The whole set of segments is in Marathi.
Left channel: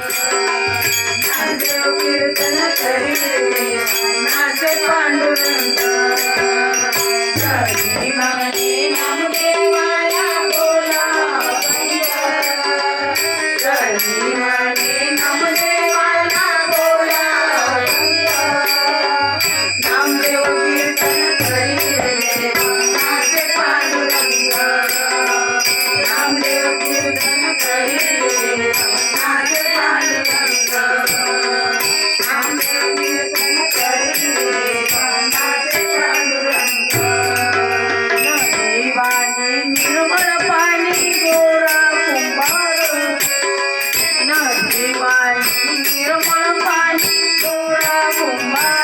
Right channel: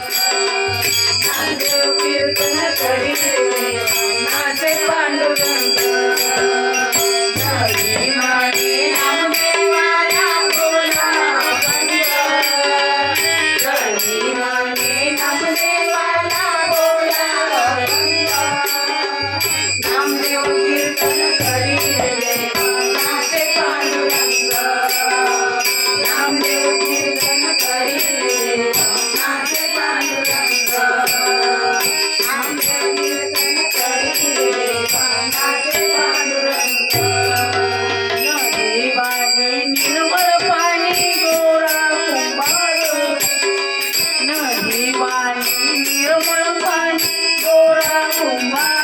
नाद्रोपी उतने तरी देविया, नाद्रेख na di mai ni ra pa pa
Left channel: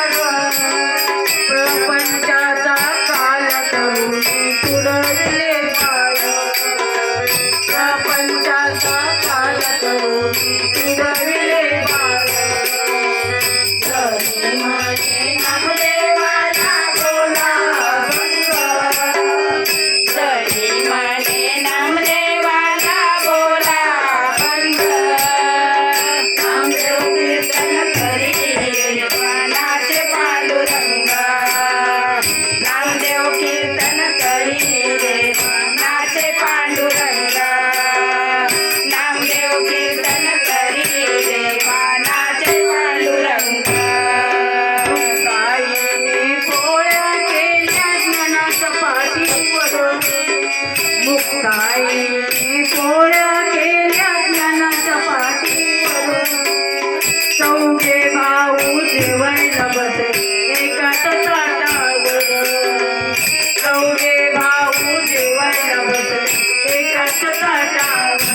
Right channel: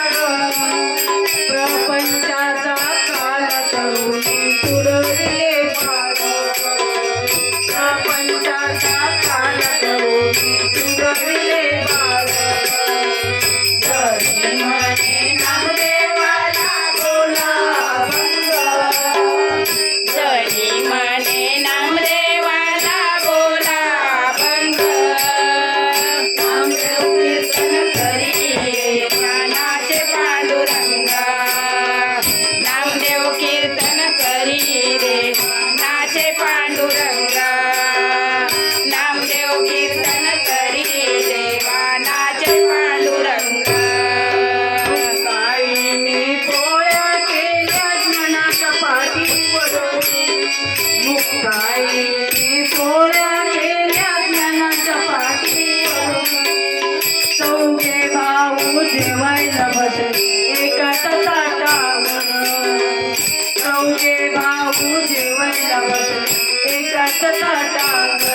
Mr. Parker.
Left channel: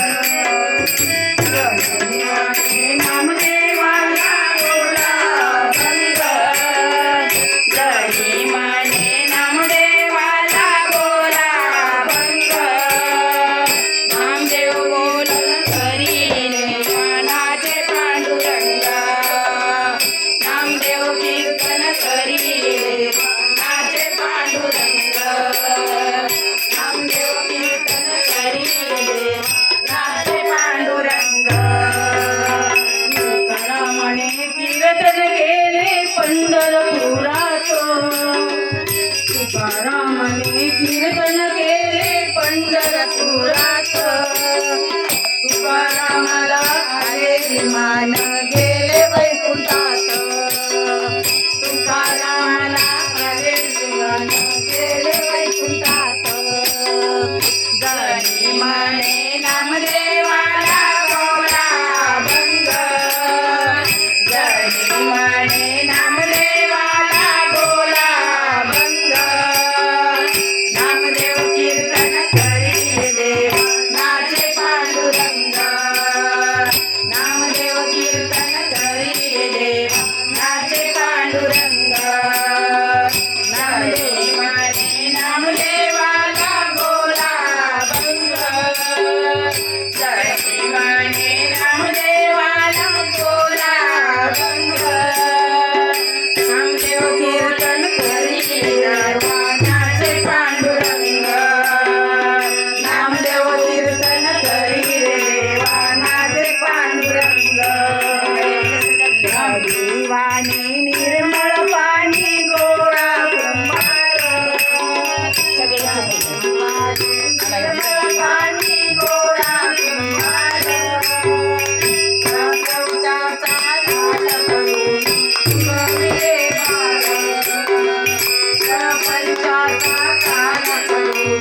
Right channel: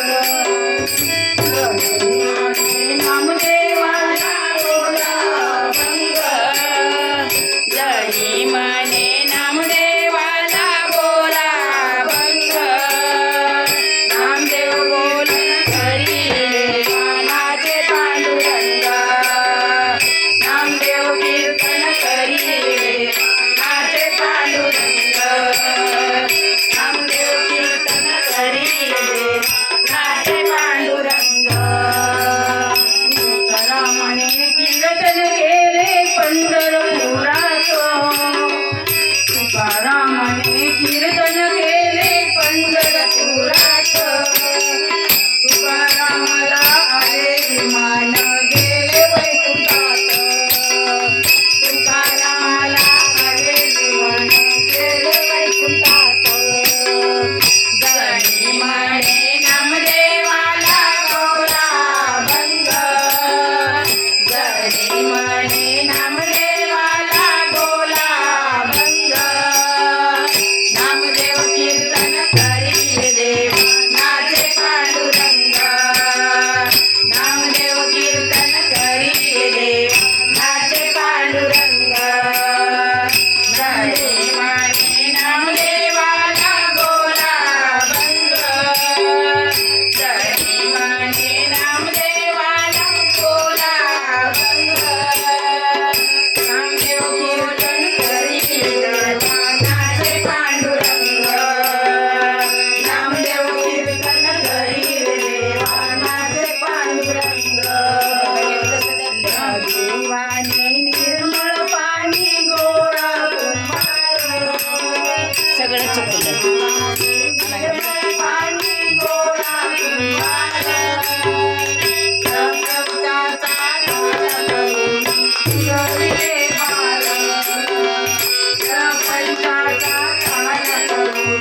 देव कीर्तन करी रे देव नाचे पांडुर